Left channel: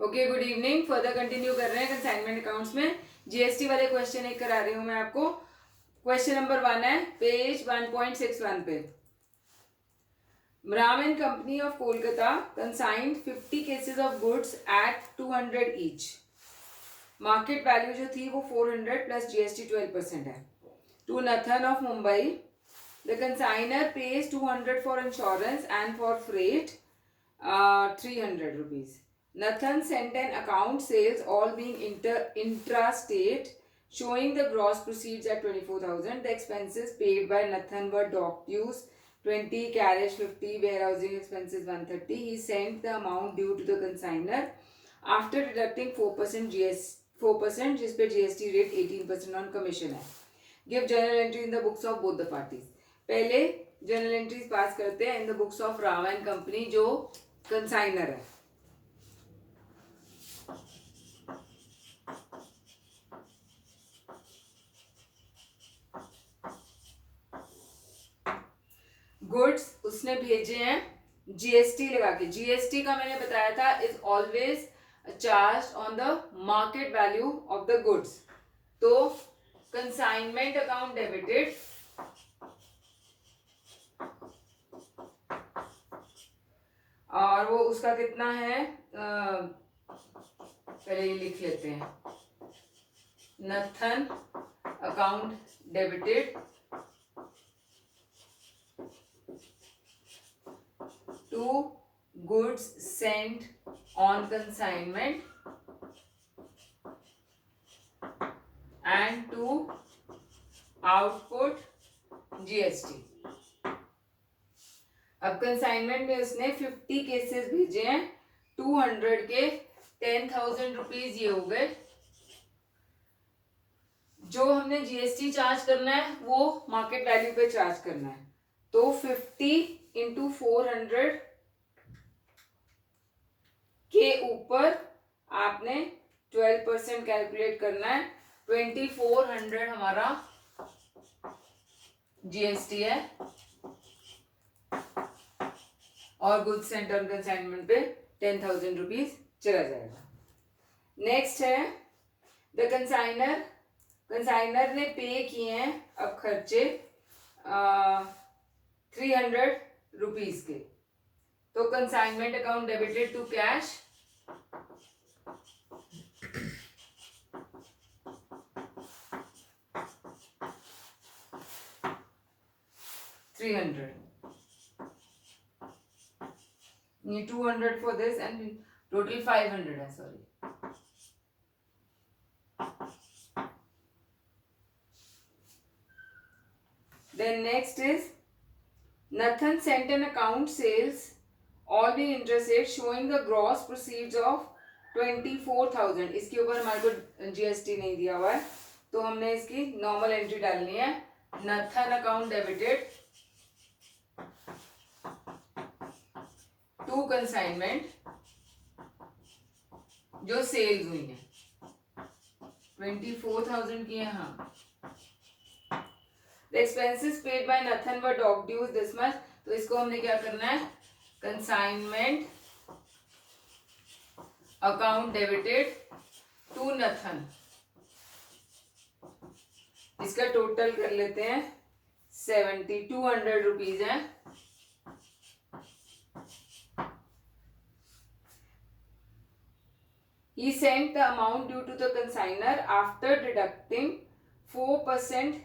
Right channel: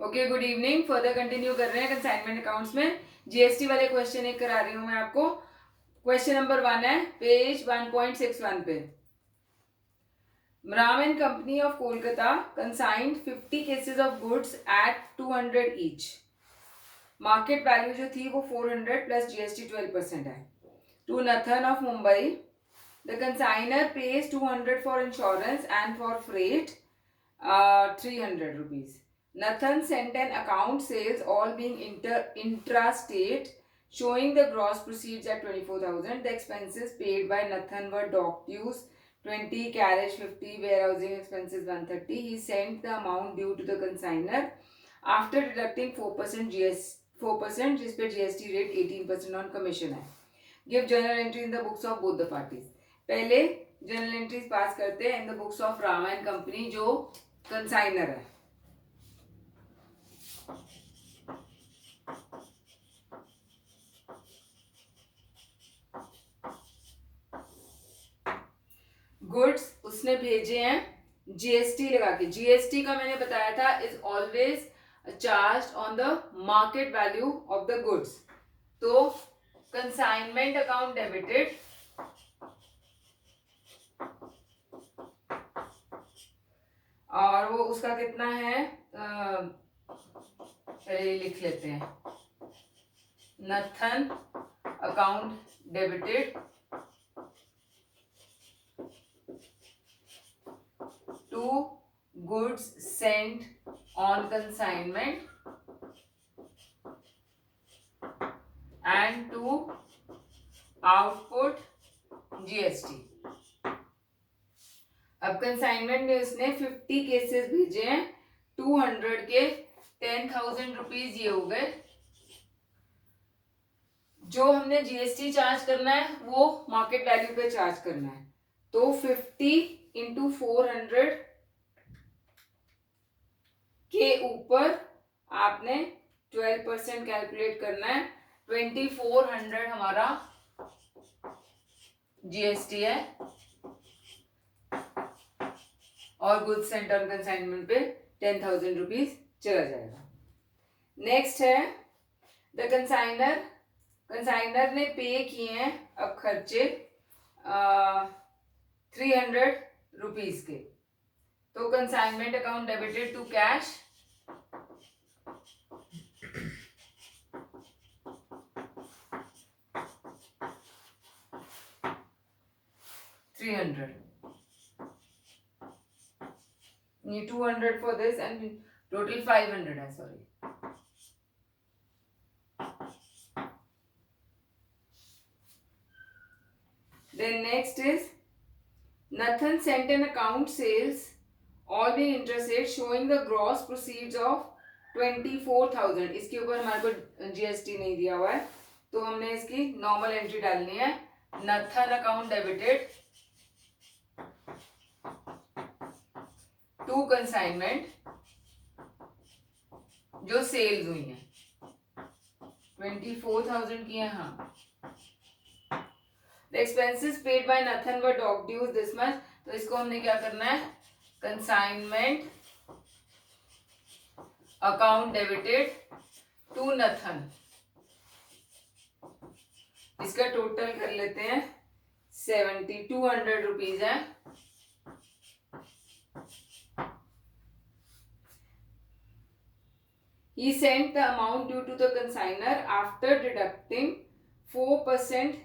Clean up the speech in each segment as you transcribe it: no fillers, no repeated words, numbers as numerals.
Okay, good evening. Further continue कर रहे हैं कंसाइनमेंट अकाउंट्स में। जीएसटी वाले क्वेश्चन एक करा रही हूं मैं आपको। क्वेश्चन नंबर 1 है पेज 1.61 पे। Ram and Company of Kolkata consigned 50 cases of goods at 200 each. Market value जो थी वो 400 प्लस जीएसटी 12% है। To Nathan of Mumbai, the consignor pays 200 for insurance and for freight 300 rupees. Nathan sent an account sales all being intra-state showing the gross proceeds at 24,000. The expenses paid by Nathan were dock dues 20, carriage 50, warehousing expenses 130. He sent the amount due to the consigner after deducting 4% जिस पे GST rate 18% on commission है। Give general entry in the books of both the parties. पहले general entries pass करते हैं इन the books of Rama and company जो consignor है। Goods उसने भेजे हैं जीएसटी लगा के। जीएसटी का मैंने बताया था is always charge on the market value of the goods. तो कंसाइनमेंट अकाउंट डेबिटेड और वो उसका कितना है, पहले ये लिख लेते हैं। Nathan account debited to goods sent on consignment and to output GST. अब कंसाइनमेंट में उसने 50 केसेस भेजे हैं 200 के 10,000 रुपीज ये हो गए। जो हमने जीएसटी चार्ज करना है वो मार्केट वैल्यू पे चार्ज करना है। तो 50 इंटू 400 के ऊपर आपने 12% कैलकुलेट करना है। 2400 हमारा जीएसटी है और गुड्स सेंट ऑन कंसाइनमेंट पे 10,000 रुपीज चला जाएगा। नेक्स्ट है द कंसाइनर ने पे किए हैं अब खर्चे 300 रुपीज के। तो consignment account debited to cash 300, 200 for this and total 500 है, sorry। Then next is Nathan sent an account sales all being interested showing the gross proceeds of 24,000। इसके ऊपर हमारे को जीएसटी नहीं दिया हुआ है तो हमने इसकी नॉर्मल एंट्री डालनी है। Nathan account debited to consignment जो सेल्स हुई है 24,000 की है। हाँ, the expenses paid by Nathan were dock dues this much. तो इसको हमने क्या करना है, consignment account debited to Nathan. इसका टोटल कर लेते हैं 200 रुपीज है। He sent the amount due to the consigner after deducting 4%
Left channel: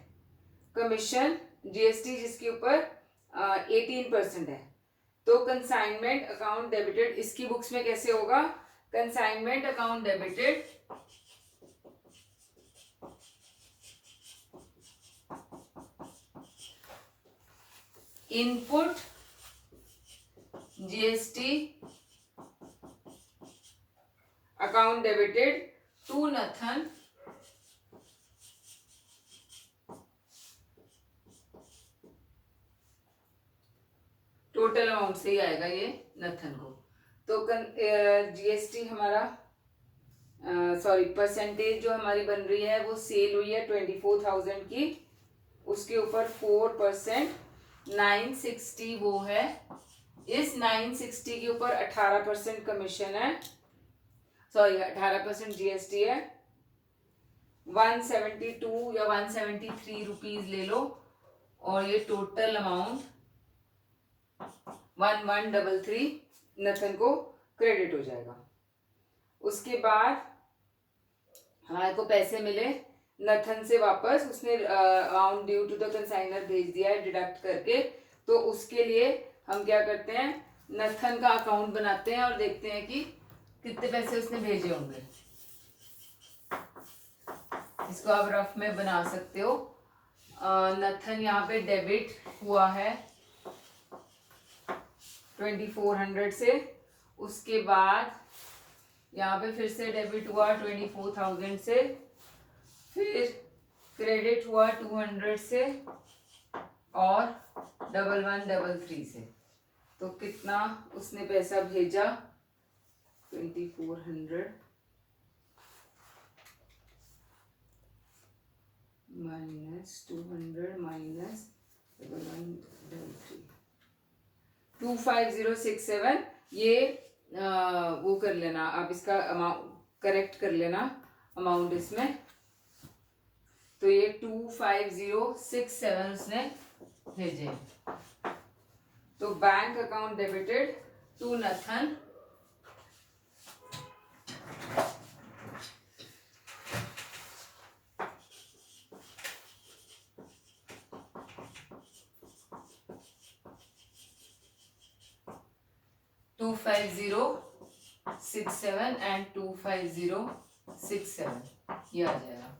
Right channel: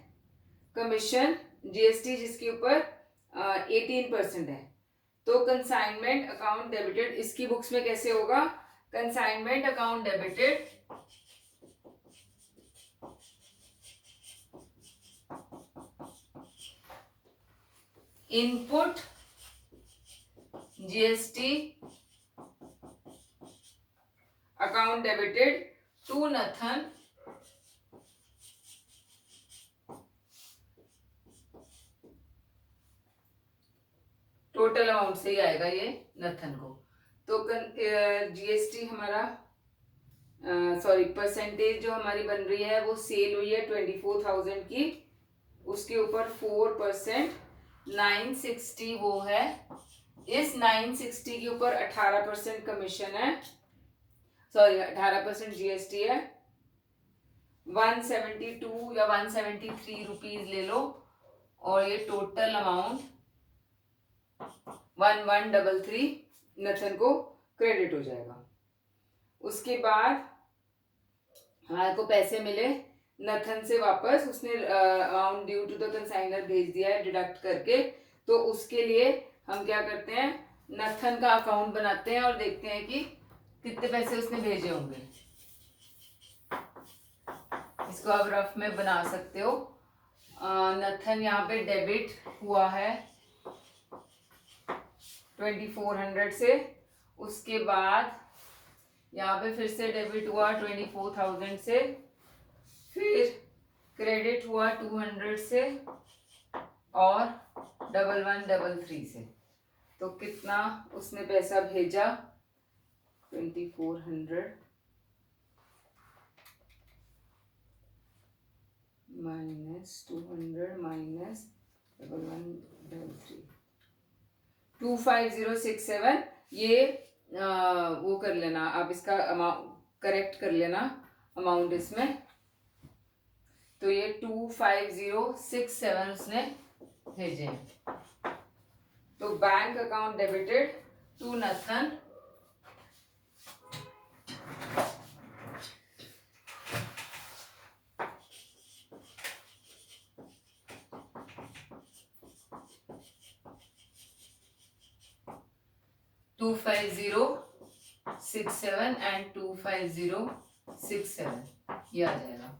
commission GST जिसके ऊपर 18% है। तो कंसाइनमेंट अकाउंट डेबिटेड इसकी बुक्स में कैसे होगा, consignment account debited input GST account debited to Nathan total amount से ही आएगा ये नथन को। तो जीएसटी हमारा सॉरी परसेंटेज जो हमारी बन रही है वो सेल हुई है 24,000 की, उसके ऊपर 4% 960 वो है। इस 960 के ऊपर 18% कमीशन है सॉरी 18% GST है, 172 या 173 रुपीज ले लो, और ये टोटल अमाउंट 1133 नथन को क्रेडिट हो जाएगा। उसके बाद हमारे को पैसे मिले नथन से वापस, उसने amount due to the consignor भेज दिया है डिडक्ट करके। तो उसके लिए हम क्या करते हैं, नथन का अकाउंट बनाते हैं और देखते हैं कि कितने पैसे उसने भेजे होंगे। इसको आप रफ में बना सकते हो। नथन यहाँ पे डेबिट हुआ है 2400 से, उसके बाद यहाँ पे फिर से डेबिट हुआ 24,000 से, फिर क्रेडिट हुआ 200 से और 1133 से। तो कितना उसने पैसा भेजा, 2400 माइनस 200 माइनस 1133, 25067। ये वो कर लेना आप, इसका करेक्ट कर लेना अमाउंट इसमें। तो ये 25067 उसने भेजे। तो bank account debited to Nathan, $25067 and 25067 ये आ जाएगा।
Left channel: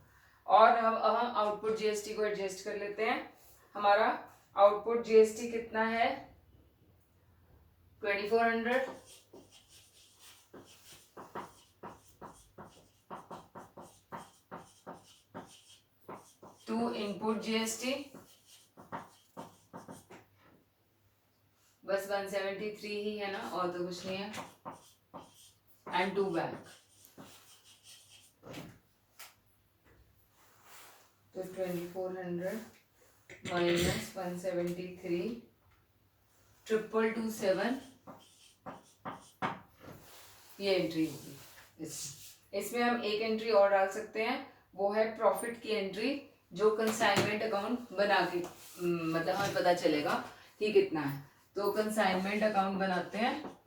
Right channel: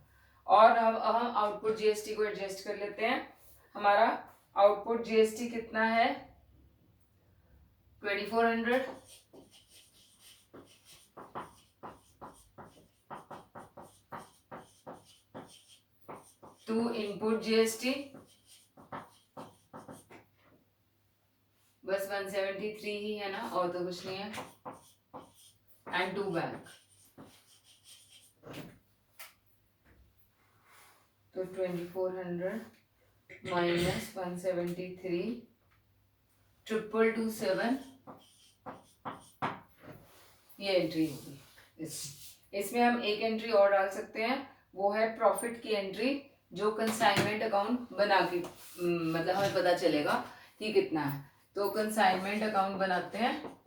और अब हम आउटपुट जीएसटी को एडजस्ट कर लेते हैं। हमारा आउटपुट जीएसटी कितना है, 2400, टू इनपुट जीएसटी बस 173 ही है ना, और तो कुछ नहीं है, एंड टू बैंक। तो 2400 माइनस 173 227 ये एंट्री होगी। इसमें हम एक एंट्री और डाल सकते हैं, वो है प्रॉफिट की एंट्री, जो कंसाइनमेंट अकाउंट बना के मतलब हमें पता चलेगा कि कितना है। तो कंसाइनमेंट अकाउंट बनाते हैं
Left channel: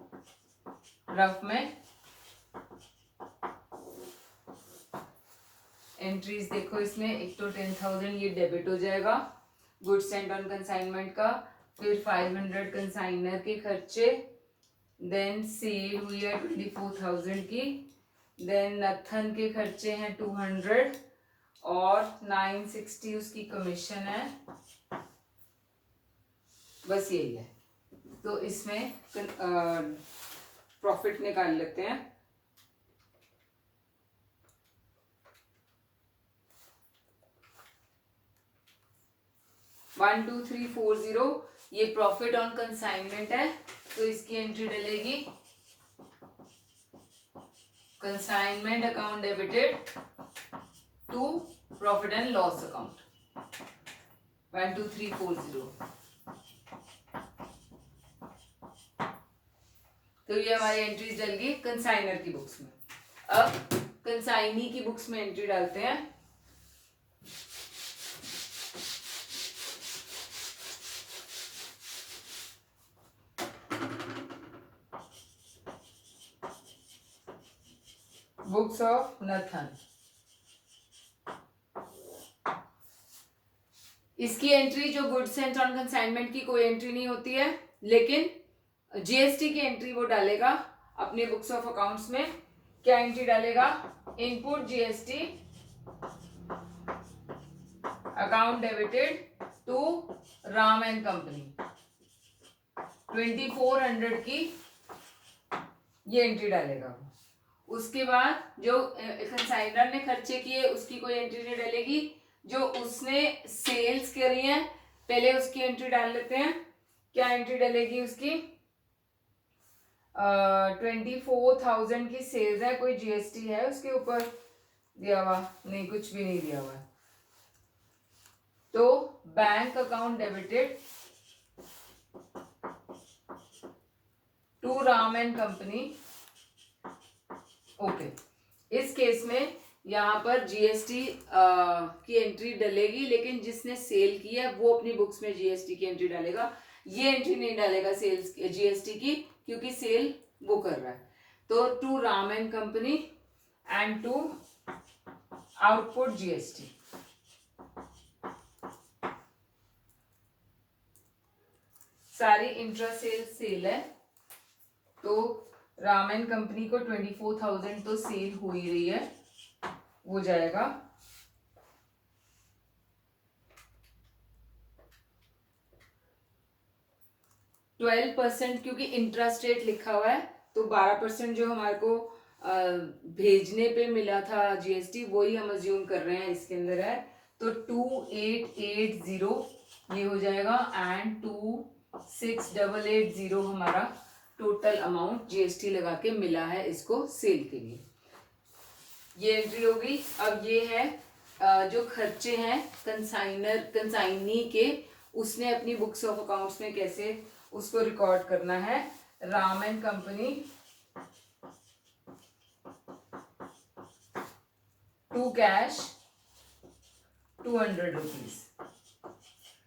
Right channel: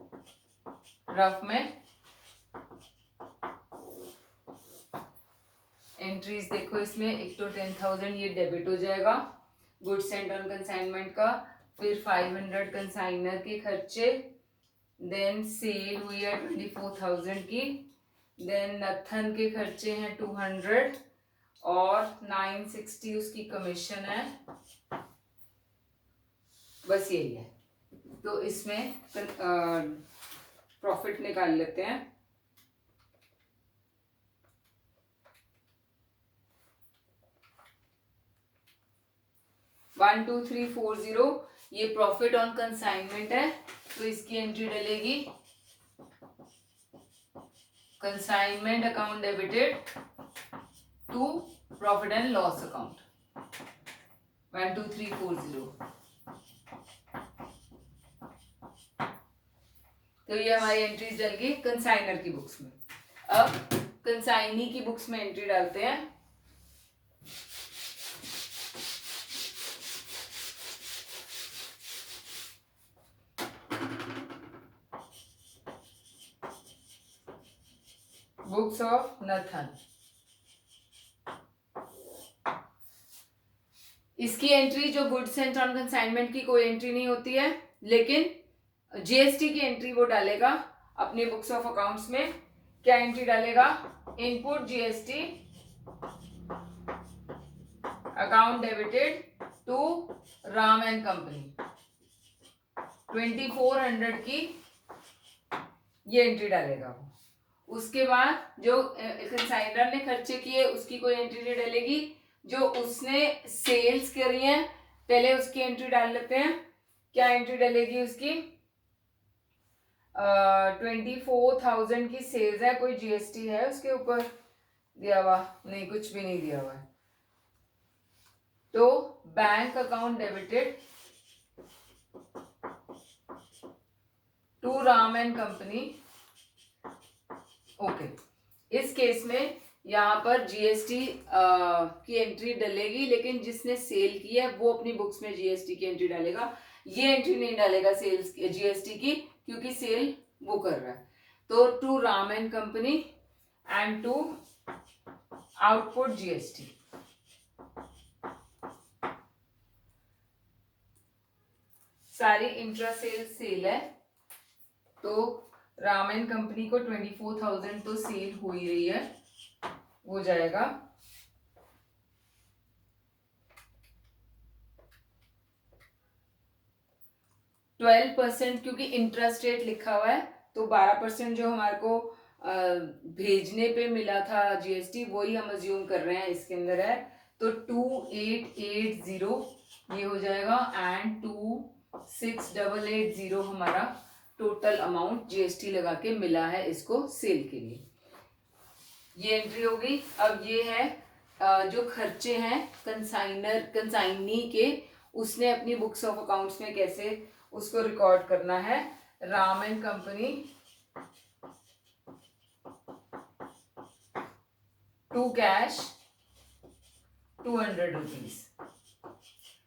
रफ में। एंट्रीज देखो इसमें, एक तो 10,000 ये डेबिट हो जाएगा गुड्स सेंट ऑन कंसाइनमेंट का, फिर 500 कंसाइनर के खर्चे, देन सेल हुई है 24,000 की, देन नथन के खर्चे हैं 200 और 960 उसकी कमीशन है। बस यही है। तो इसमें प्रॉफिट निकाल लेते हैं। One two three four zero ये प्रॉफिट ऑन कंसाइनमेंट है, तो इसकी एंट्री डलेगी consignment account debited to profit and loss account 12340। तो ये हमारी एंट्रीज डल गई कंसाइनर की बुक्स में। अब कंसाइनी की बुक्स में एंट्री डालते हैं। बुक्स ऑफ नथन, इसकी एंट्री जो गुड्स एंड ऑन कंसाइनमेंट की कोई एंट्री नहीं होती है, लेकिन जीएसटी की एंट्री वो डालेगा अपनी बुक्स ऑफ अकाउंट्स में। क्या एंट्री डालेगा, input GST account debited to Ram and company 2400 की ये एंट्री डालेगा। उसके बाद जो कंसाइनर ने खर्चे किए उसकी कोई एंट्री नहीं डलेगी, जो उसने सेल्स करी है पहले उसकी एंट्री डाल लेते हैं। क्या एंट्री डलेगी उसकी, 24,000 की सेल्स है, कोई जीएसटी है उसके ऊपर दिया हुआ नहीं, कुछ भी नहीं दिया हुआ है। तो bank account debited to Ram and company okay, इस केस में यहाँ पर जीएसटी की एंट्री डलेगी, लेकिन जिसने सेल की है वो अपनी बुक्स में जीएसटी की एंट्री डालेगा, ये एंट्री नहीं डालेगा सेल्स जीएसटी की, क्योंकि सेल वो कर रहा है. तो to Ram and company and to output GST. सारी इंट्रा सेल सेल है, तो राम एंड कंपनी को 24,000 तो सेल हो ही रही है, वो जाएगा 12%, क्योंकि इंटरेस्ट रेट लिखा हुआ है तो 12% जो हमारे को भेजने पे मिला था जीएसटी, वही हम अज्यूम कर रहे हैं इसके अंदर है. तो 2880 ये हो जाएगा एंड 26,880 हमारा टोटल अमाउंट जीएसटी लगा के मिला है इसको सेल के लिए. ये एंट्री होगी. अब ये है जो खर्चे हैं कंसाइनी के, उसने अपनी बुक्स ऑफ अकाउंट्स में कैसे उसको रिकॉर्ड करना है. Ram and company to cash 200 rupees.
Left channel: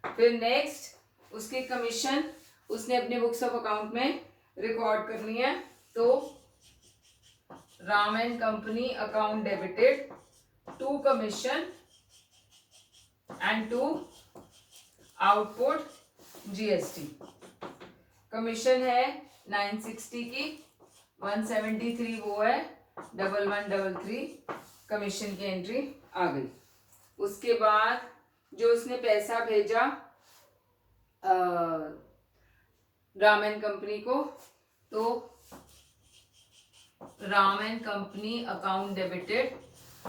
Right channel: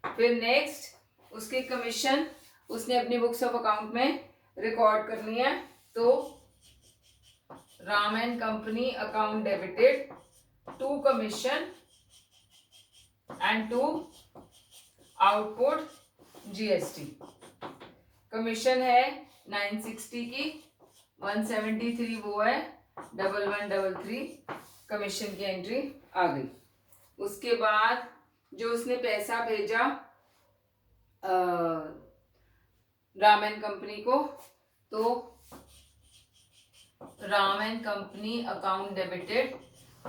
फिर नेक्स्ट उसके कमीशन उसने अपनी बुक्स ऑफ अकाउंट में रिकॉर्ड करनी है. तो Ram and company account debited to commission and to output GST. Commission है 960 की, 173 वो है, 1133 कमीशन की एंट्री आ गई. उसके बाद जो उसने पैसा भेजा राम एंड कंपनी को, तो Ram and company account debited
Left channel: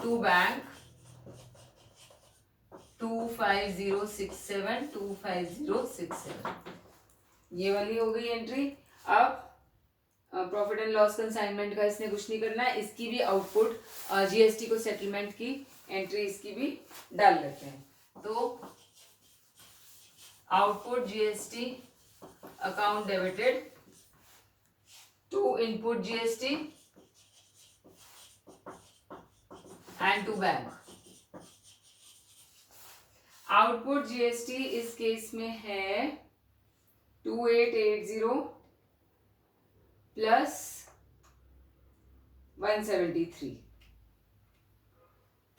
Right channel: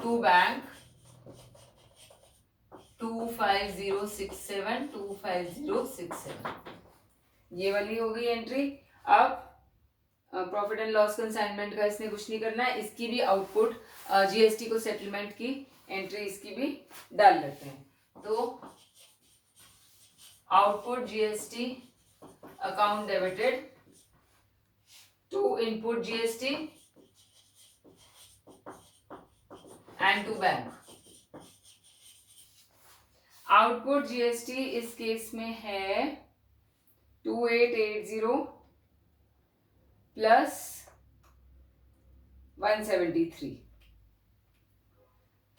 to bank 25067. ये वाली हो गई एंट्री. अब प्रॉफिट एंड लॉस कंसाइनमेंट का इसने कुछ नहीं करना है, इसकी भी आउटपुट जीएसटी को सेटलमेंट की एंट्री इसकी भी डाल लेते हैं. तो output GST account debited to input GST and to bank. Output GST इस केस में है 2880 प्लस 173,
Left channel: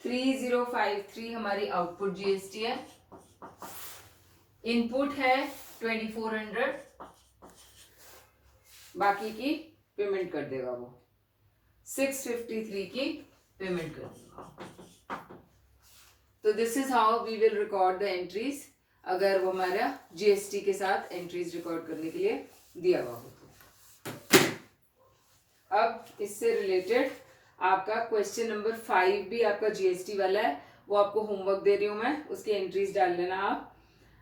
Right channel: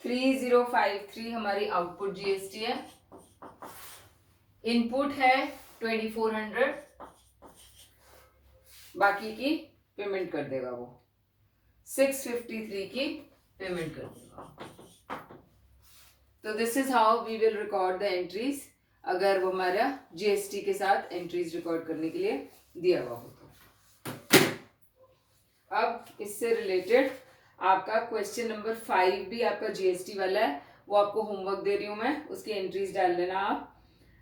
3053 हमारी आउटपुट जीएसटी है. इनपुट है 2400, बाकी की पेमेंट कर देगा वो, 653 की पेमेंट कर देगा. तो this is how we will record the entries, अगर वो हमारा जीएसटी के साथ एंट्रीज रिकॉर्ड करने के लिए दिया हुआ हो. अब इससे रिलेटेड आपका क्वेश्चन नंबर 5 भी आपका जीएसटी वाला है, वो आपको होमवर्क दे रही हूं मैं, उसकी एंट्रीज डाल लेना आप.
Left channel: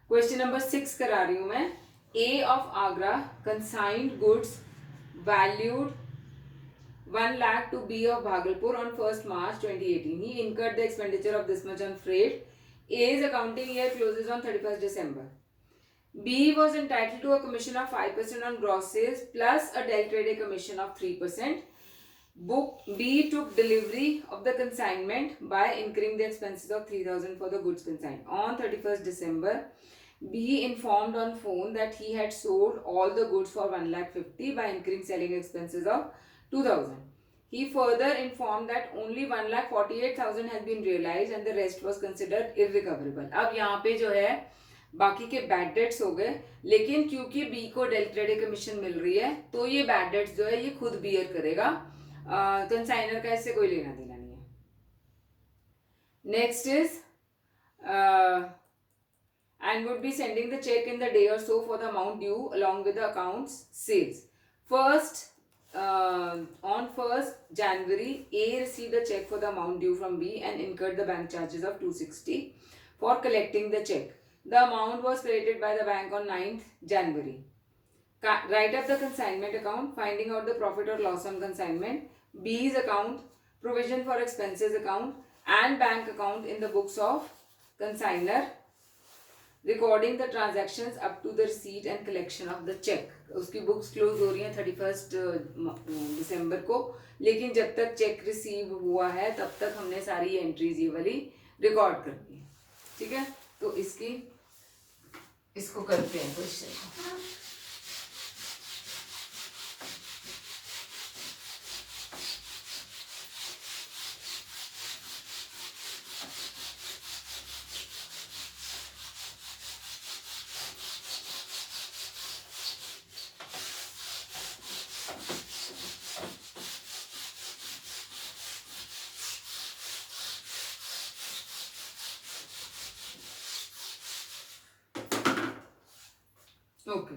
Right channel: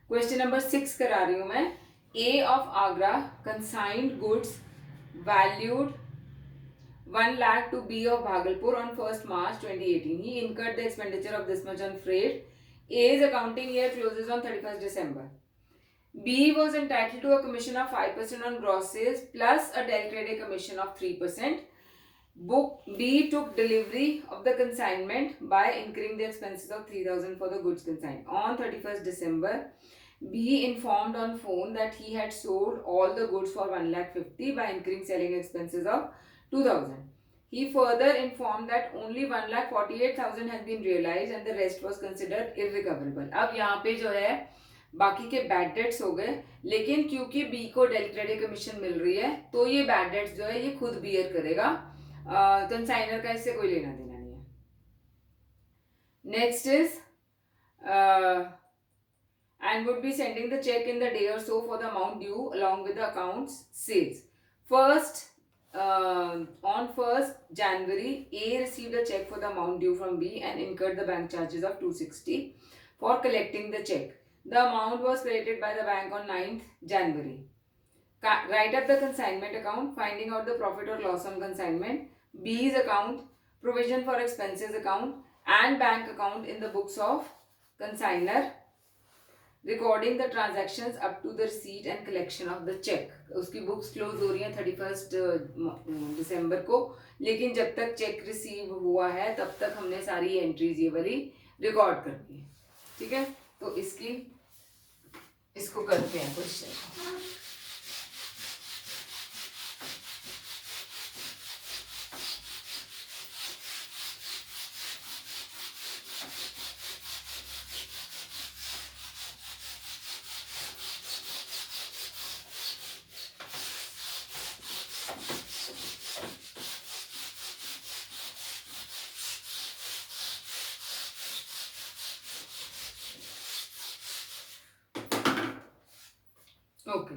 क्वेश्चन नंबर 6 करा रही हूं मैं. A of Agra consigned goods valued 1 lakh to B of Bhagalpur on 1st March 2018. He incurred the expenditure of this much on freight. A's accounting year closes on 31st December. B was entitled to a commission of 5% on gross sales plus a del credit commission of 3%. Book B took delivery of the consignment by incurring the expenses of 3,000 for the goods consigned. On 31st December, B informed on phone that he had sold all the goods for 1,50,000 by incurring selling expenses of 2,000. He further informed that only 1,48,000 has been realized and the rest was considered irrecoverable. अब यहाँ पे जो है बाकी के bad debts हो गए, लेकिन क्योंकि बी को डेल क्रेडिट कमीशन मिल रही है तो ये बैड डेट्स जो है ये खुद बियर करेगा, कंसाइनर का इससे कोई लेना देना नहीं है. Next is and would be sending the check in the day or so for the amount due along with the accounts sales. On 1st January, A received a check for the amount due from B and incurred the bank charges of 260 for collecting the check. The amount was credited by the bank on 9th January. Write up the consignment account, finding out the profit or loss on consignment, B's account, provision for expenses account and bank account in the books of consignor, recording the transactions up to the receipt and collection of the cheque. उसकी books close हो रही हैं 31st दिसंबर को, लेकिन जब तक check receive हुआ है तब तक हमने सारी एंट्रीज ये वाली रिकॉर्ड करनी है. ठीक है, तो इसको करते हैं क्वेश्चन. ओके,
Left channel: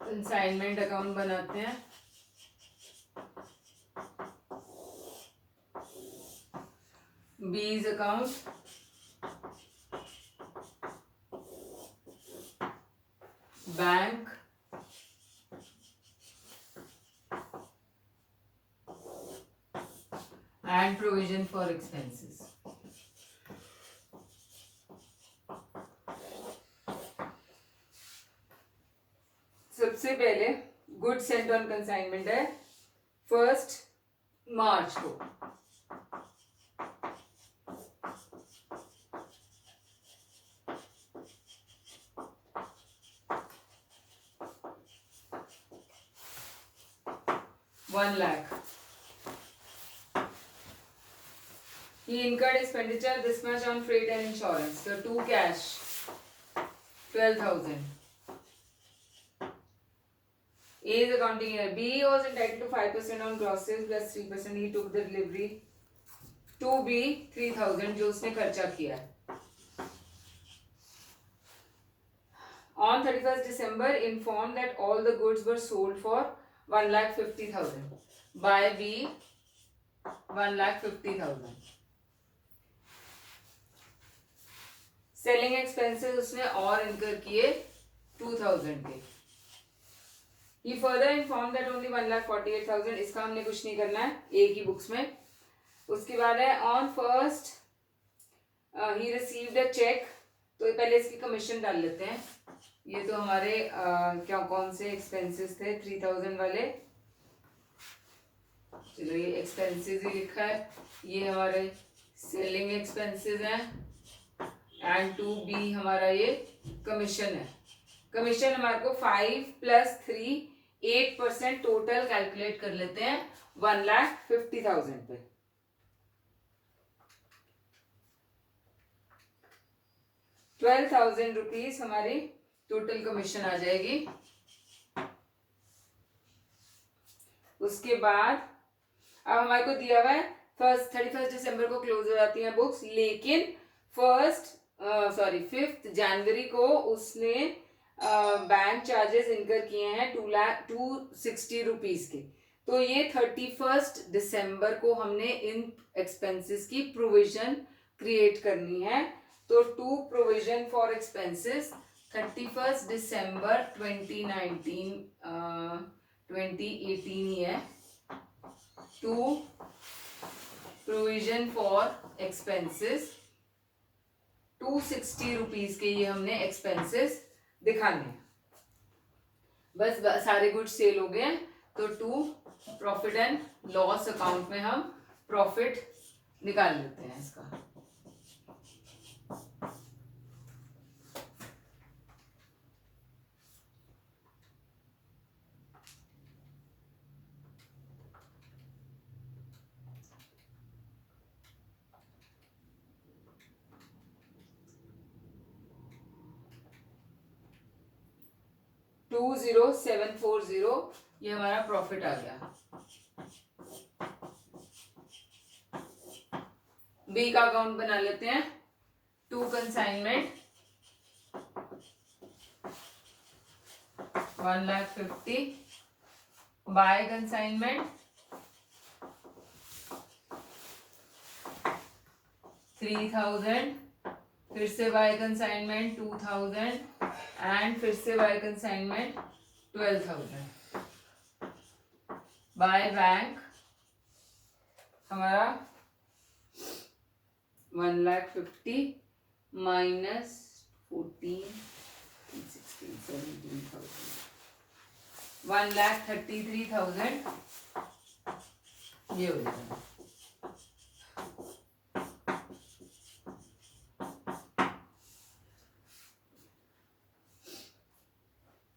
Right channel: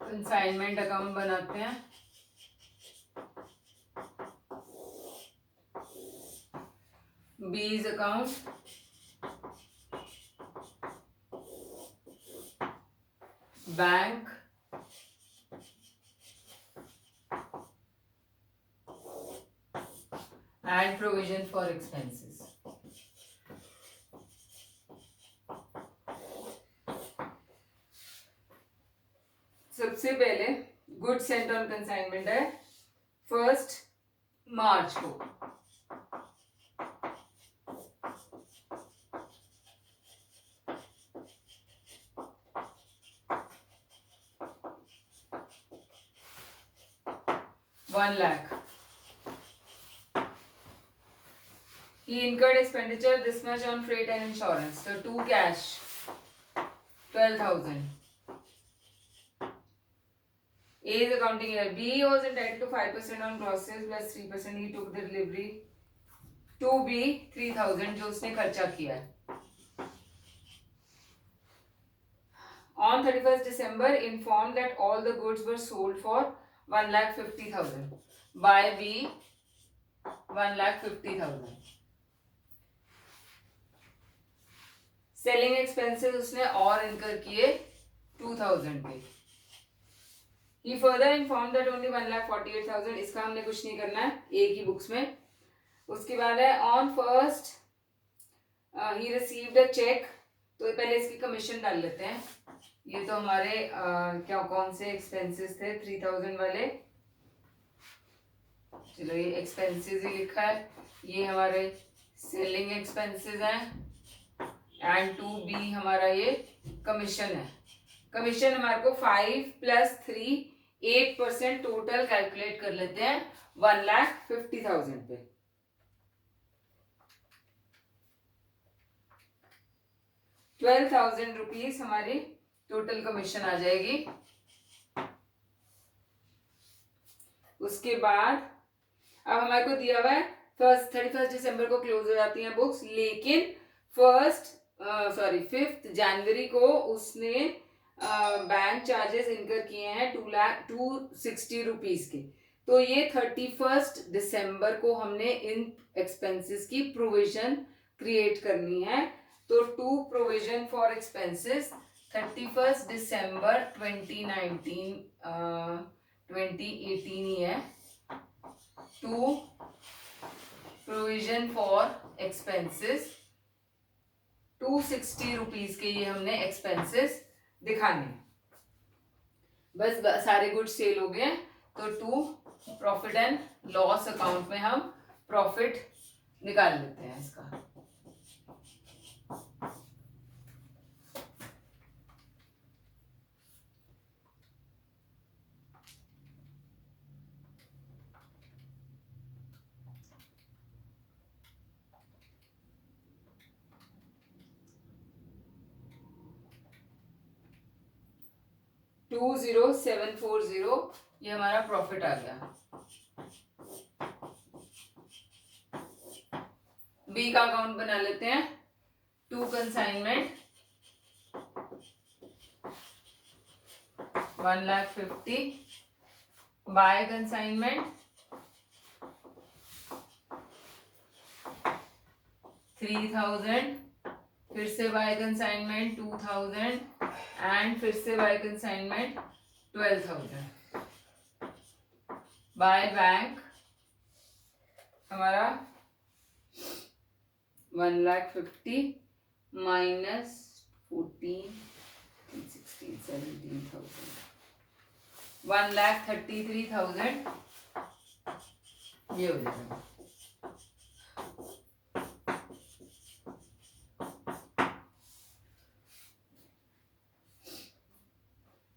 कंसाइनमेंट अकाउंट बनाते हैं. बीज account, bank, and provision for expenses. सबसे पहले गुड सेंट ऑन कंसाइनमेंट है 1 मार्च को. ₹1,00,000. He incurred expenditure this much on freight and insurance. So 2 cash, 12,000. A is accounting year. B was entitled to 5% on gross sales plus 3%. He took the delivery. 2B 3,000 जो उसने खर्चा किया. On 31st December, informed that all the goods were sold for 1,50,000. By B 1,50,000. Selling expenses उसने और incur किए 2,000 के. He further informed that only 1,48,000. इसका हमने कुछ नहीं करना है ए की बुक्स में. उसके बाद है on 1st he received a check. तो पहले इसकी कमीशन डाल लेते हैं. ये तो हमारे क्या कौन से एक्सपेंसेस थे 3,000 वाले. चलो ये एक्सपेंसेस ही लिखा है. ये हमारे सेलिंग एक्सपेंसेस हैं एंड 2B हमारा ये कमीशन है. कमीशन हमारे को 5 + 3 8% टोटल कैलकुलेट कर लेते हैं 1,50,000 पे. ₹12,000 हमारी टोटल कमीशन आ जाएगी. उसके बाद अब हमारे को दिया हुआ है 31 दिसंबर को क्लोज हो जाती हैं बुक्स, लेकिन 5 जनवरी को उसने बैंक चार्जेस इनकर किए हैं 260 रुपीज के. तो ये 31 दिसंबर को हमने इन एक्सपेंसेस की प्रोविजन क्रिएट करनी है. तो टू प्रोविजन फॉर एक्सपेंसेस 31 दिसंबर 2018 ही है. To provision for expenses 260 rupees के ये हमने एक्सपेंसेस दिखाने हैं. बस सारे गुड्स सेल हो गए. तो to profit and loss account में हम प्रॉफिट निकाल लेते हैं इसका. $20,740 ये हमारा प्रॉफिट आ गया. बी का अकाउंट बना लेते हैं. To consignment 1,50,000. By consignment 3,000. फिर से बाय कंसाइनमेंट 2,000 एंड फिर से बाय कंसाइनमेंट 12,000. बाय बैंक हमारा 1,50,000 माइनस 14, 16, 17,000. 1,33,000 ये हो जाएगा।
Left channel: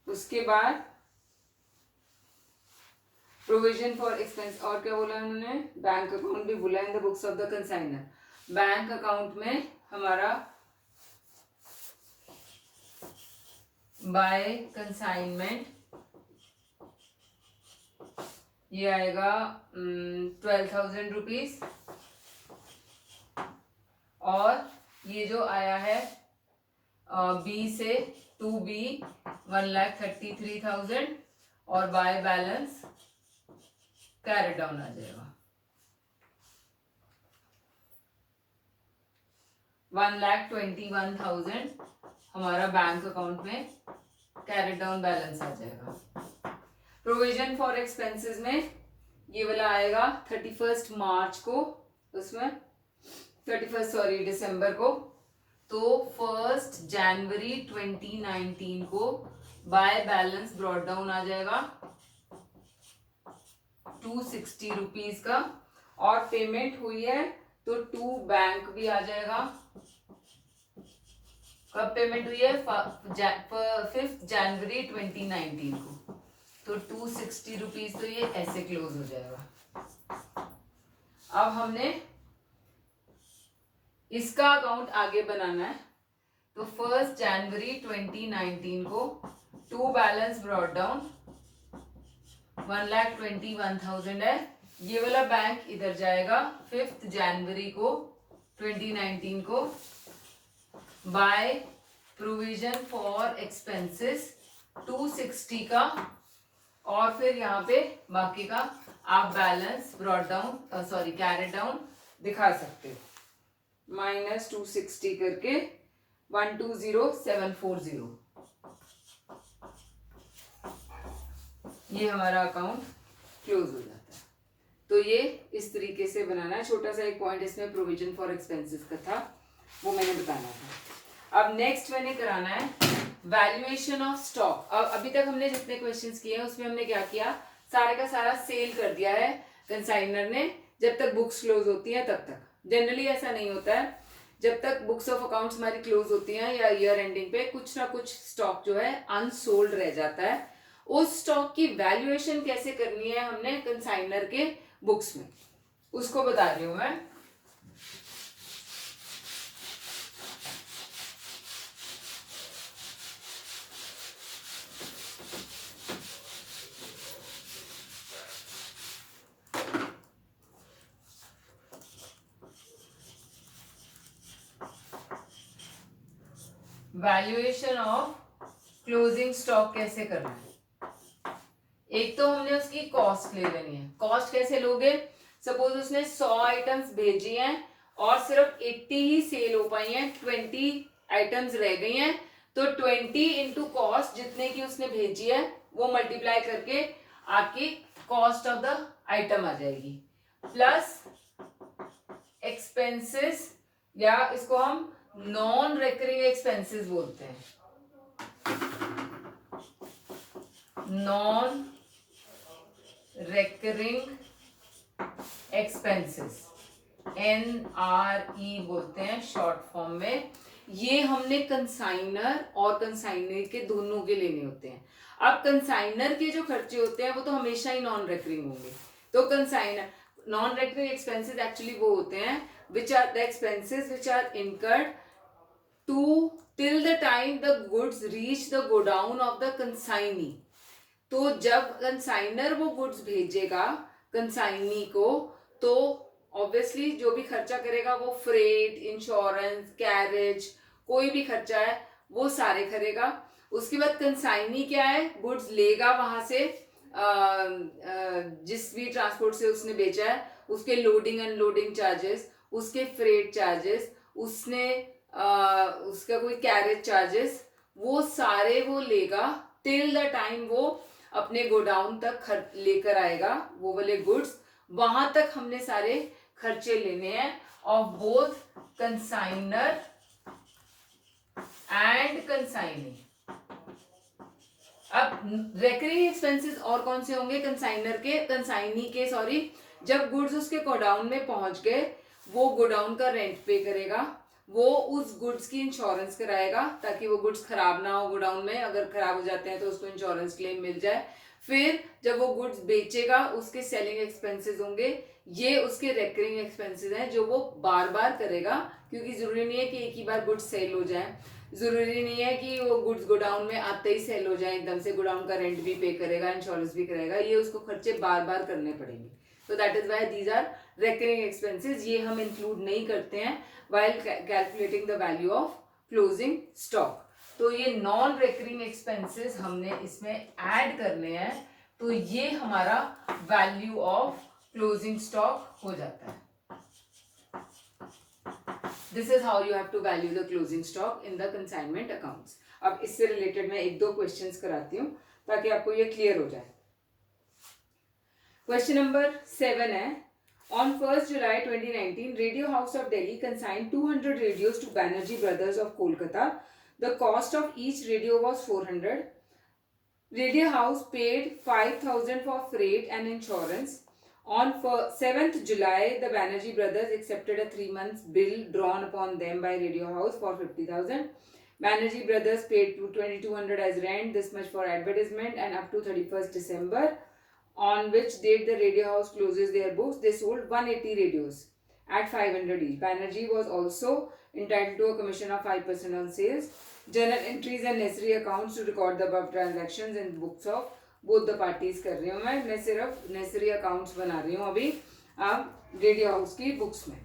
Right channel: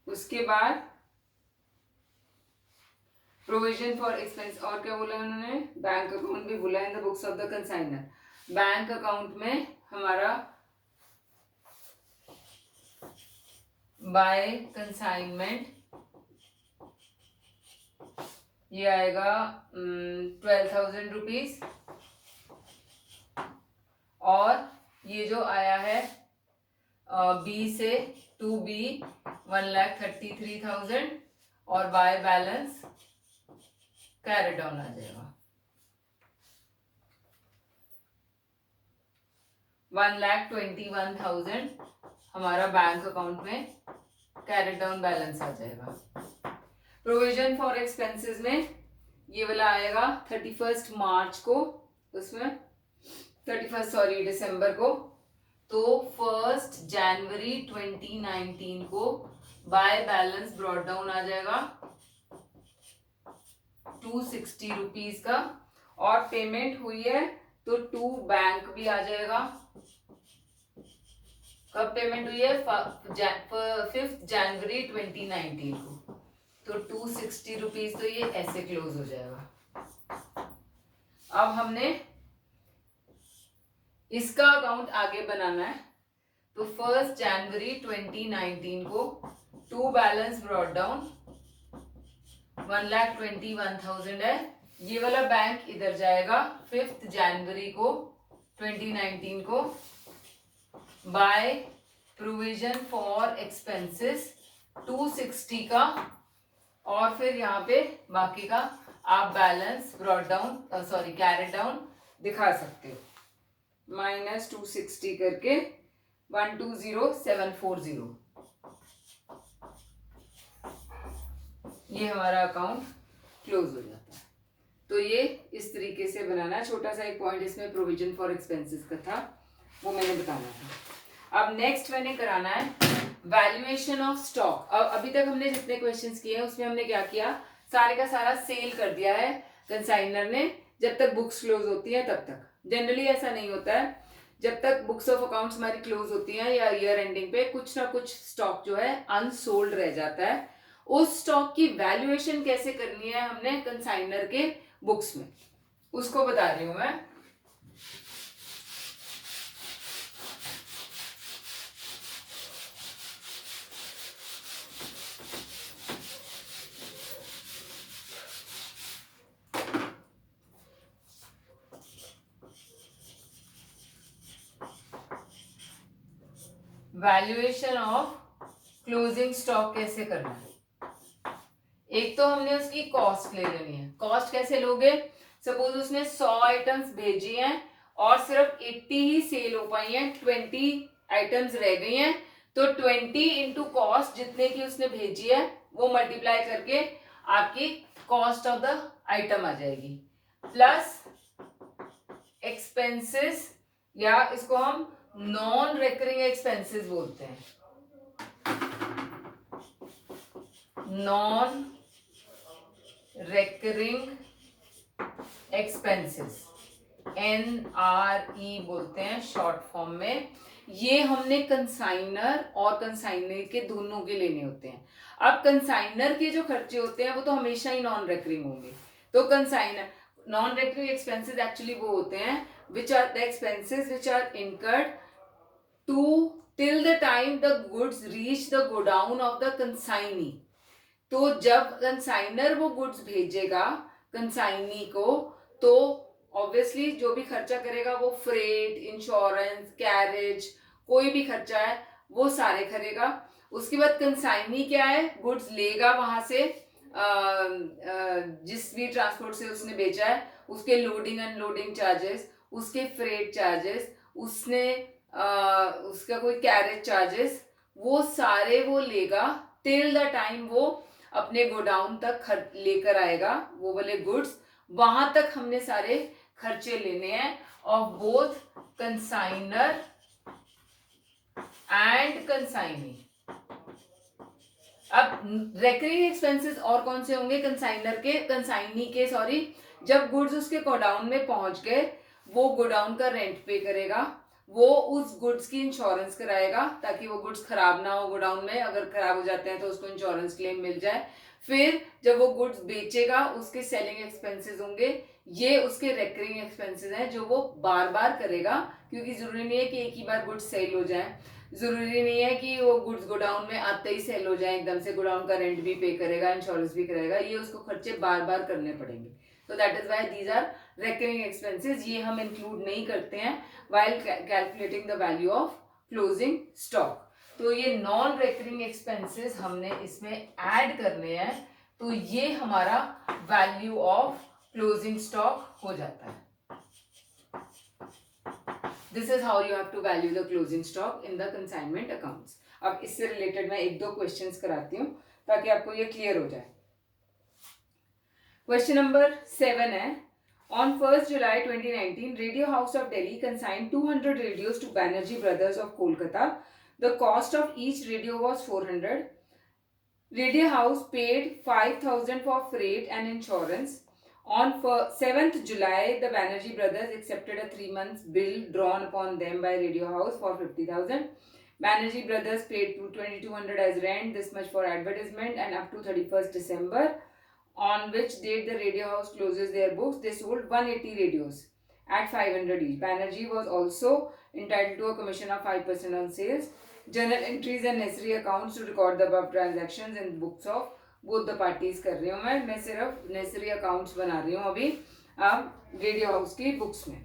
उसके बाद प्रोविजन फॉर एक्सपेंस, और क्या बोला उन्होंने, बैंक अकाउंट भी बोला in the books of the consignor. Bank account में हमारा बाय कंसाइनमेंट ये आएगा 12,000 रुपीज, और ये जो आया है बी से 2B 1,33,000, और बाय बैलेंस कैरी डाउन आ जाएगा 1,21,000 हमारा बैंक अकाउंट में कैरी डाउन बैलेंस आ जाएगा। प्रोविजन फॉर एक्सपेंसेस में ये वाला आएगा 31 मार्च को, उसमें 31 दिसंबर को, तो 1 जनवरी 2019 को बाय बैलेंस ब्रॉट डाउन आ जाएगा 260 रुपीज का, और पेमेंट हुई है तो टू बैंक भी आ जाएगा। कब पेमेंट हुई है? 5 जनवरी 2019 को, तो 260 रुपीज, तो ये ऐसे क्लोज हो जाएगा। अब हमने इसका अकाउंट आगे बनाना है, तो 1 जनवरी 2019 को टू बैलेंस ब्रॉट डाउन 1,21,000 है, ये वाला बैंक इधर जाएगा 5 जनवरी को 2019 को बाय प्रोविजन फॉर एक्सपेंसेस 260 का, और फिर यहाँ पे बाकी का आप balance brought down carry down दिखा सकते हो, -260 करके 120,740, ये हमारा अकाउंट क्लोज हो जाता है। तो ये इस तरीके से बनाना है। छोटा सा एक पॉइंट इसमें प्रोविजन फॉर एक्सपेंसेस का था, वो मैंने बताना था। अब नेक्स्ट मैंने कराना है वैल्यूएशन ऑफ स्टॉक। अब अभी तक हमने जितने क्वेश्चंस किए हैं उसमें हमने क्या किया, सारे का सारा सेल कर दिया है कंसाइनर ने, जब तक बुक्स क्लोज होती हैं तब तक। जनरली ऐसा नहीं होता है, जब तक बुक्स ऑफ अकाउंट्स हमारी क्लोज होती हैं या ईयर एंडिंग पे कुछ ना कुछ स्टॉक जो है अनसोल्ड रह जाता है। उस स्टॉक की वैल्यूएशन कैसे करनी है हमने कंसाइनर के बुक्स में, उसको बता रही हूं मैं। वैल्यूएशन ऑफ क्लोजिंग स्टॉक कैसे करना है? एक तो हमने उसकी कॉस्ट ले लेनी है। कॉस्ट कैसे लोगे? सपोज उसने 100 आइटम्स भेजी हैं और सिर्फ 80 ही सेल हो पाई हैं, 20 आइटम्स रह गई हैं, तो 20 इंटू कॉस्ट जितने की उसने भेजी है वो मल्टीप्लाई करके आपकी कॉस्ट ऑफ द आइटम आ जाएगी, प्लस एक्सपेंसेस, या इसको हम नॉन रेकरिंग एक्सपेंसेस बोलते हैं, नॉन रेकरिंग एक्सपेंसेस, NRE बोलते हैं शॉर्ट फॉर्म में। ये हमने कंसाइनर और कंसाइनर के दोनों के लेने होते हैं। अब कंसाइनर के जो खर्चे होते हैं वो तो हमेशा ही नॉन रेकरिंग होंगे, तो consignor non recurring expenses actually वो होते हैं which are the expenses which are incurred to till the time the goods reach the godown of the consignee। तो जब कंसाइनर वो गुड्स भेजेगा कंसाइनी को, तो ऑब्वियसली जो भी खर्चा करेगा वो फ्रेट, इंश्योरेंस, कैरेज, कोई भी खर्चा है वो सारे करेगा। उसके बाद कंसाइनी क्या है, गुड्स लेगा वहां से, जिस भी ट्रांसपोर्ट से उसने बेचा है उसके लोडिंग अनलोडिंग चार्जेस, उसके फ्रेट चार्जेस, उसने उसका कोई कैरेज चार्जेस, वो सारे वो लेगा टिल द टाइम वो अपने गोडाउन तक लेकर आएगा वो वाले गुड्स। वहां तक हमने सारे खर्चे लेने हैं of both consignor and consignee. अब रेकरिंग एक्सपेंसेस और कौन से होंगे? कंसाइनी के जब गुड्स उसके गोडाउन में पहुंच गए, वो गोडाउन का रेंट पे करेगा, वो उस गुड्स की इंश्योरेंस कराएगा ताकि वो गुड्स खराब ना हो गोडाउन में, अगर खराब हो जाते हैं तो उसको इंश्योरेंस क्लेम मिल जाए। फिर जब वो गुड्स बेचेगा उसके सेलिंग एक्सपेंसेस होंगे, ये उसके रेकरिंग एक्सपेंसेस हैं जो वो बार बार करेगा, क्योंकि जरूरी नहीं है कि एक ही बार गुड्स सेल हो जाए, जरूरी नहीं है कि वो गुड्स गोडाउन में आते ही सेल हो जाए एकदम से, गोडाउन का रेंट भी पे करेगा, इंश्योरेंस भी करेगा, ये उसको खर्चे बार बार करने पड़ेंगे। तो that is why these are recurring expenses, ये हम इंक्लूड नहीं करते हैं while calculating the value of closing stock। तो ये नॉन रेकरिंग एक्सपेंसेस हमने इसमें ऐड करने हैं, तो ये हमारा वैल्यू ऑफ क्लोजिंग स्टॉक हो जाता है। This is how you have to value the closing stock in the consignment accounts. अब इससे रिलेटेड मैं एक दो क्वेश्चंस कराती हूँ ताकि आपको ये क्लियर हो जाए। क्वेश्चन नंबर 7 है, on 1st July 2019, Radio House of Delhi consigned 200 radios to Banerjee Brothers of Kolkata. The cost of each radio was 400. Radio House paid 5,000 for freight and insurance. On 7th July, the Banerjee Brothers accepted a 3 month bill drawn upon them by Radio House for 50,000. Banerjee Brothers paid 2,200 as rent, this much for advertisement, and up to 31st December, on which date the Radio House closes their books, they sold 180 radios at 500 each. Banerjee was also entitled to a commission of 5% on sales. Journal entries and necessary accounts to record the above transactions in books of both the parties कर रही हूँ मैं सिर्फ necessary accounts बना रही हूँ अभी अब रेडियो हाउस की बुक्स में।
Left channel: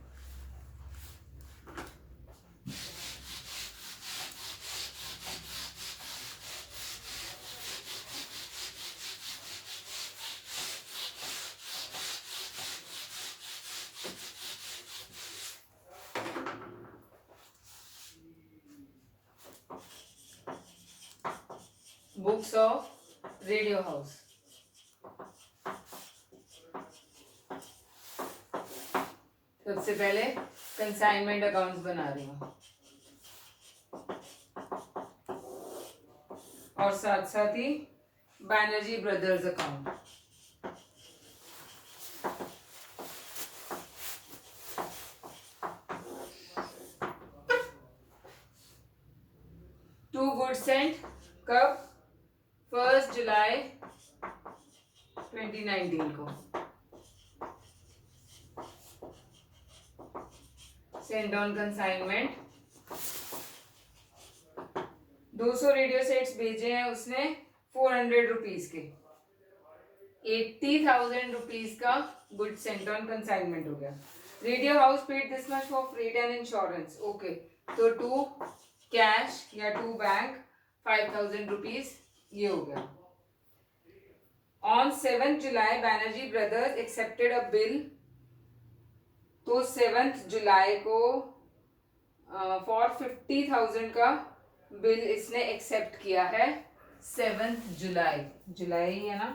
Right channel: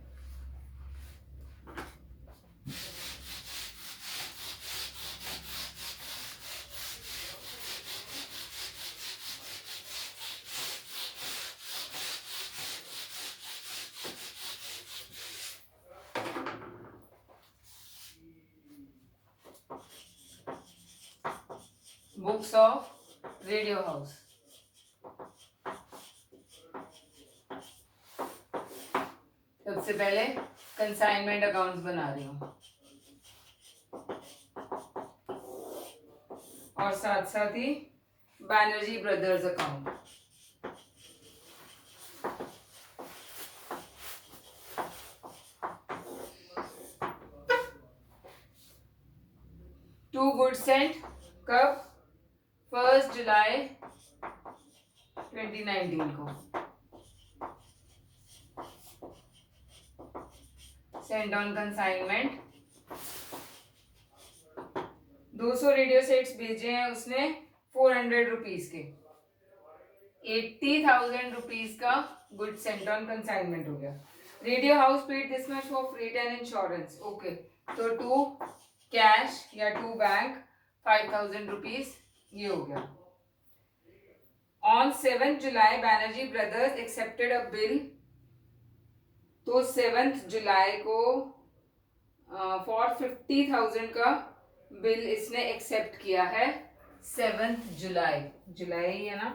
बुक्स ऑफ रेडियो हाउस, सबसे पहले कंसाइनमेंट अकाउंट्स बना रही हूँ और साथ साथ ही Banerjee brothers account. To good sent कब? 1st जुलाई 2019 को send on consignment. 200 radio sets भेजे हैं उसने 400 रुपीज के, 80,000 रुपीज का गुड सेंट ऑन कंसाइनमेंट हो गया। Radio house paid this much for freight and insurance, okay, तो टू कैश या टू बैंक 5,000 रुपीज ये हो गया। On 7th July Banerjee brothers accepted a bill, तो 7th जुलाई को फॉर 50,000 का बिल इसने एक्सेप्ट किया है। 7th जुलाई, जुलाई है ना,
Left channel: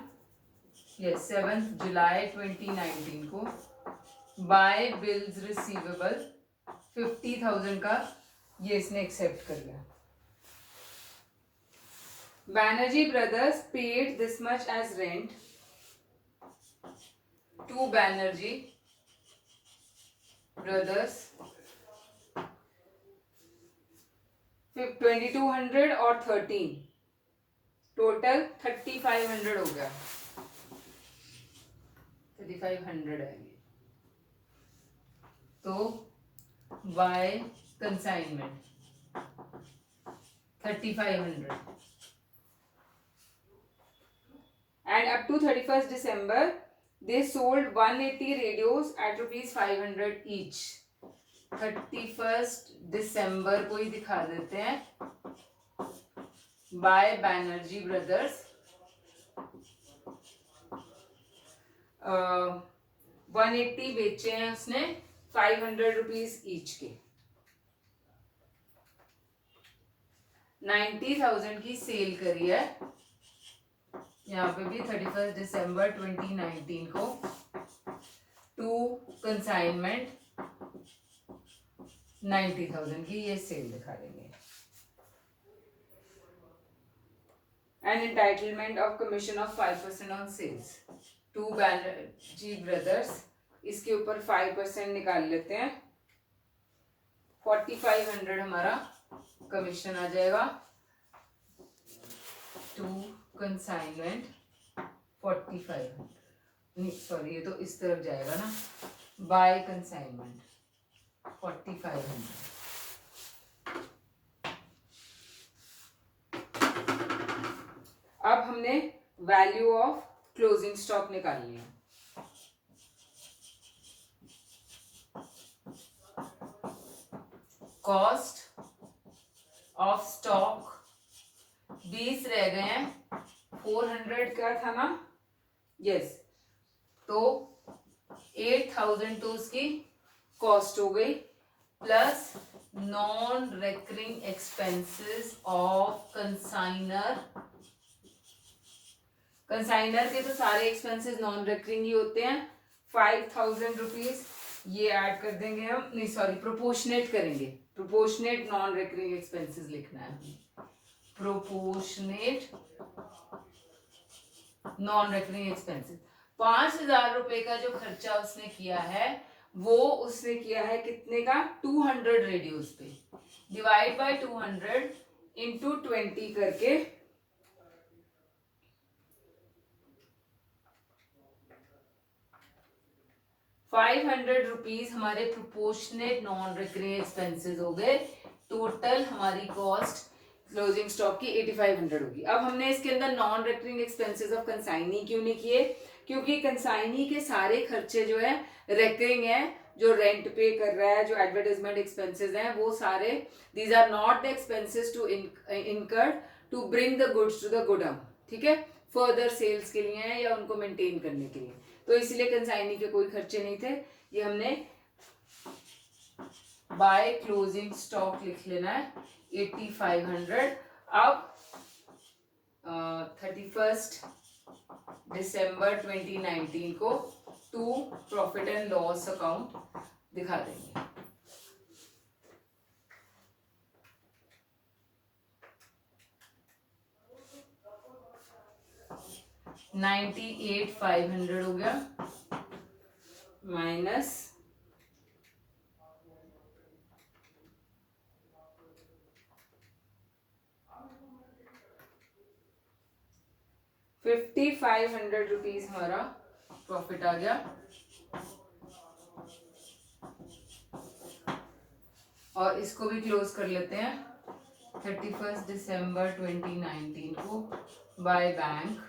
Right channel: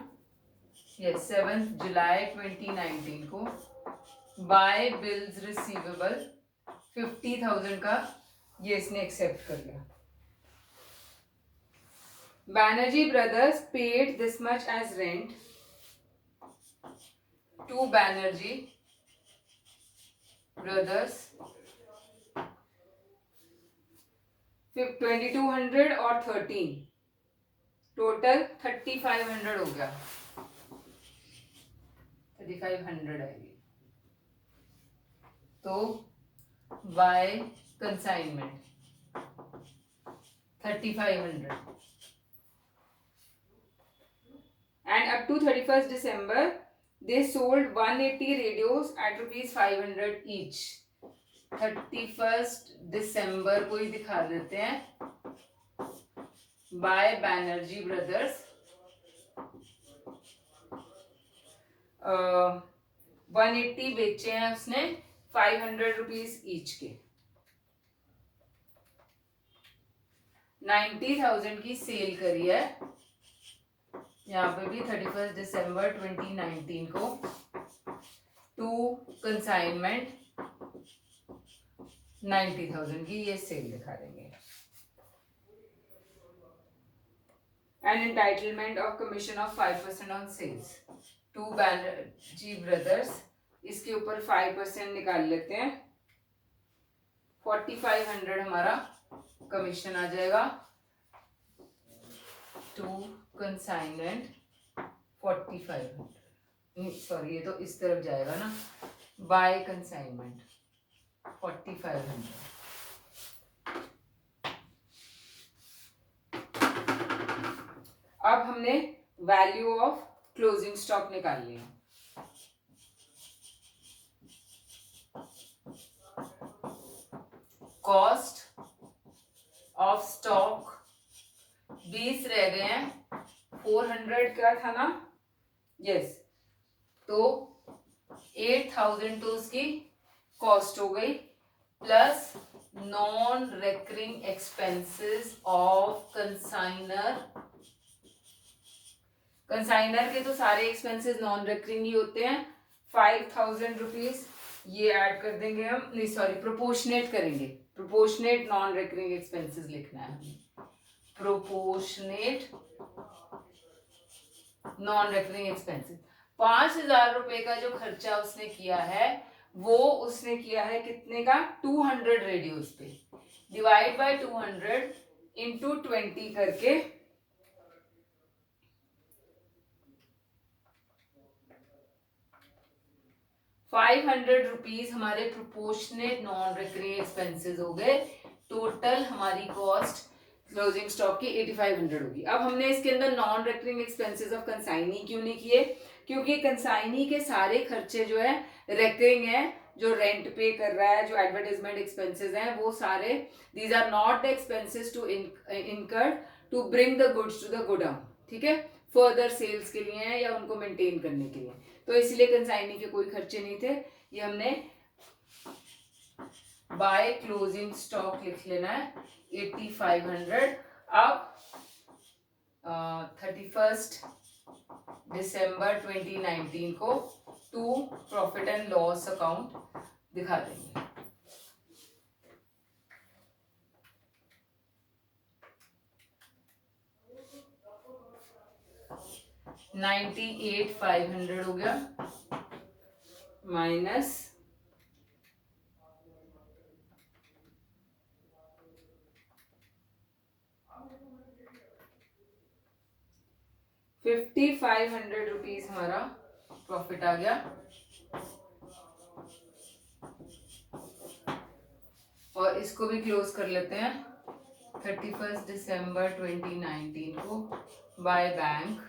यस 7th जुलाई 2019 को बाय बिल्स रिसीवेबल 50,000 का ये इसने एक्सेप्ट कर लिया। Banerjee Brothers paid this much as rent to Banerjee Brothers, 2,200 और 13, टोटल 3,500 हो गया, 3,500 है ये। तो bye consignment 3,500 and up to 31st December they sold 180 radios at rupees 500 each। 31st December को ही दिखा देते हैं, बाय बैनर्जी ब्रदर्स 180 बेचे हैं उसने 500 रुपीज ईच के, 90,000 की सेल करी है। यहाँ पे भी 31st दिसंबर 2019 को टू कंसाइनमेंट 90,000 की ये सेल दिखा देंगे। And entitlement of commission of 5% on sales to Banerjee brothers, इसके ऊपर 5% निकाल लेते हैं, 4500 हमारा कमीशन आ जाएगा टू कंसाइनमेंट 4500, सॉरी ये तो इस तरफ जाएगा ना, बाय कंसाइनमेंट 4500। अब हमने वैल्यू ऑफ क्लोजिंग स्टॉक निकाल लिया। कॉस्ट ऑफ स्टॉक 20 रह गए हैं, 400 क्या था ना, यस, तो 8000 तो उसकी कॉस्ट हो गई, plus non recurring expenses of consignor. Consignor के तो सारे एक्सपेंसेस नॉन रेकरिंग ही होते हैं, 5000 रुपीज ये ऐड कर देंगे हम, नहीं सॉरी प्रोपोर्शनेट करेंगे, प्रोपोर्शनेट नॉन रेकरिंग एक्सपेंसेस लिखना है हमें, प्रोपोर्शनेट नॉन रेकरिंग एक्सपेंसेस। 5000 रुपए का जो खर्चा उसने किया है वो उसने किया है कितने का, 200 रेडियोस पे, डिवाइड बाय 200 इंटू 20 करके 500 रुपीज हमारे प्रोपोर्शनेट नॉन रिकरिंग एक्सपेंसेस हो गए। टोटल हमारी कॉस्ट क्लोजिंग स्टॉक की 8500 होगी। अब हमने इसके अंदर non recurring expenses of consignee क्यों नहीं किए, क्योंकि कंसाइनी के सारे खर्चे जो है रेकरिंग है, जो रेंट पे कर रहा है, जो एडवर्टाइजमेंट एक्सपेंसेस हैं, वो सारे these are not the expenses to incurred to bring the goods to the godown, ठीक है, फर्दर सेल्स के लिए है या उनको मेंटेन करने के लिए, तो इसलिए कंसाइनी के कोई खर्चे नहीं थे। ये हमने बाय क्लोजिंग स्टॉक लिख लेना है 8500। अब 31 दिसंबर 2019 को to profit and loss account दिखा देंगे। $98,500 हो गया माइनस ₹5,500 हमारा प्रॉफिट आ गया। और इसको भी क्लोज कर लेते हैं 31 दिसंबर 2019 को बाय बैंक